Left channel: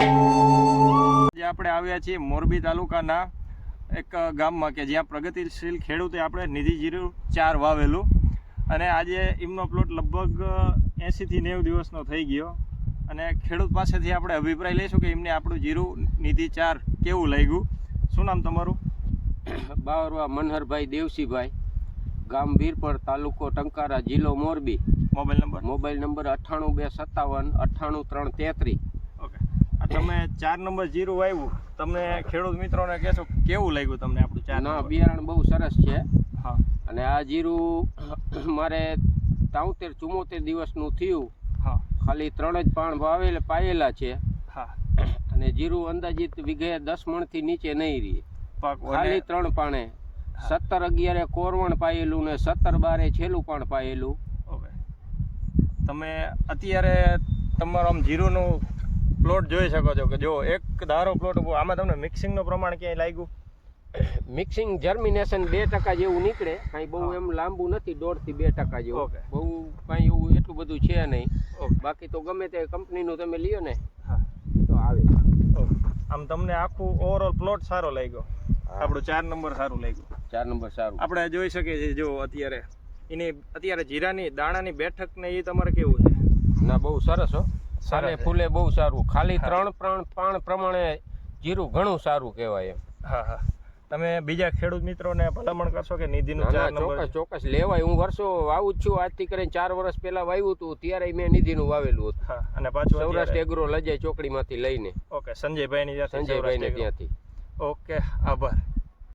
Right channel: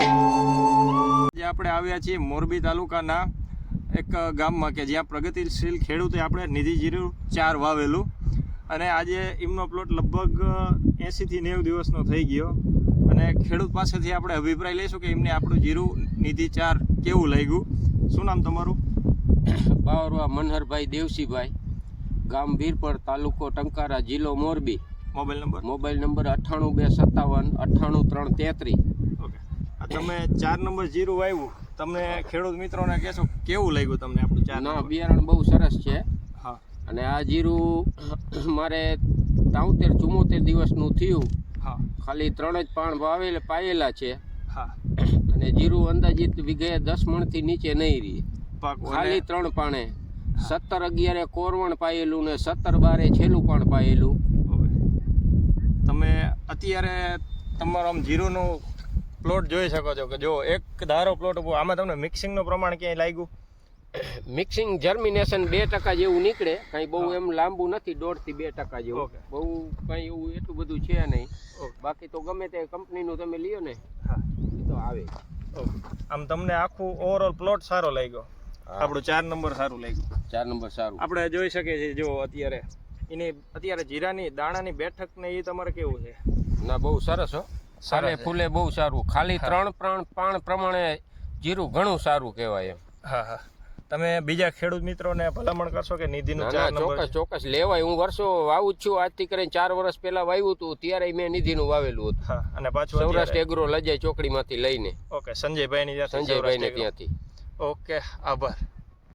આજે આપણે આવ્યા છીએ મોરબી તાલુકાના એક ગામમાં કે જ્યાં પ્રગતિશીલ ખેડૂતે આપણે નિધિ જીરું 4 વાવેલું અને આજે એમનો પ્લોટ લગભગ 80 થી 90 દિવસનો થઈ ગયો અને ખેડૂત પાસેથી આપણે અભિપ્રાય લઈશું કે એમને આપણું જીરું નિધિ 4 કેવું લાગ્યું. શું નામ તમારું? બાવરવા મનહરભાઈ દેવસીભાઈ, ગામ વીરપર, તાલુકો ટંકારા, જિલ્લો મોરબી. Mobile number 9827598333. ઓકે, આ તમે 4 નંબર જીરું વાવ્યું, તમને ખેડૂત મિત્રોને કહેશો કેવું લાગ્યું તમને આપણું 4 ના, બિયારણ બહુ સરસ છે. હા, અને આ જીરું મારે 73-74 દિવસનું થયું. હા, ખાલી 3 જ પાણ પાયેલા છે. હા, અને જીરું અંદાજિત વીઘે 10 મણથી નીચે નહીં રહી. ખાલી 3 પાણે 17-11 કોરવણ પાયેલું ને 17-12 છેલ્લું પાણ પાયેલું. તમે અત્યારે તમારો આમ જીરુંનું પ્લોટ જોઈ શકો છો કે જો એક ધારો પ્લોટ આમાં તમને મિક્સિંગનું પ્રમાણ ક્યાંય લાગ્યું? મિક્સિંગ જર્મિનેશન 2% જેવું નીકળે, કાંઈ બહુ એમ લાંબુ નથી, 1.5 થી 2% જેવું. બહુ કાંઈ એવું એટલું બધું છે નહીં. બાકી તો ગમે તે કંપનીનું તમે લ્યો ને, હા, તો આવે. આમ તમને આખું ઓવરઓલ પ્લોટ સારો લાગ્યો, આપણું 4 નંબર સારું લાગ્યું. 4 નંબર સારું આપણે જોઈ શકીએ છીએ. જો અત્યારે જીરાની દાણાની બેઠક ને એ તમારે કેવું છે? ના, બહુ સરસ હો, સારે ફૂલે બહુ સારું. ખાલી 3 પાણ પ્રમાણે જીરું ઘણું સારું કહેવાય એમ. હા, હા. તમે બીજા ખેડૂત મિત્રોને ભલામણ કરશો કે નિધિનું 4 નંબર? ચોક્કસ લેવાય. હું વર્ષો વાવું જ છું. આજથી કરીને 4 વર્ષ પહેલા વાવ્યું હતું, ત્યારે મેં નિધિનું વાવેલું હતું. હા, અને પાછું સૌરાષ્ટ્ર એગ્રો લજાય ચોકડીમાંથી લઈને. ઓકે, સંજયભાઈની ત્યાંથી. ઓકે, આભાર.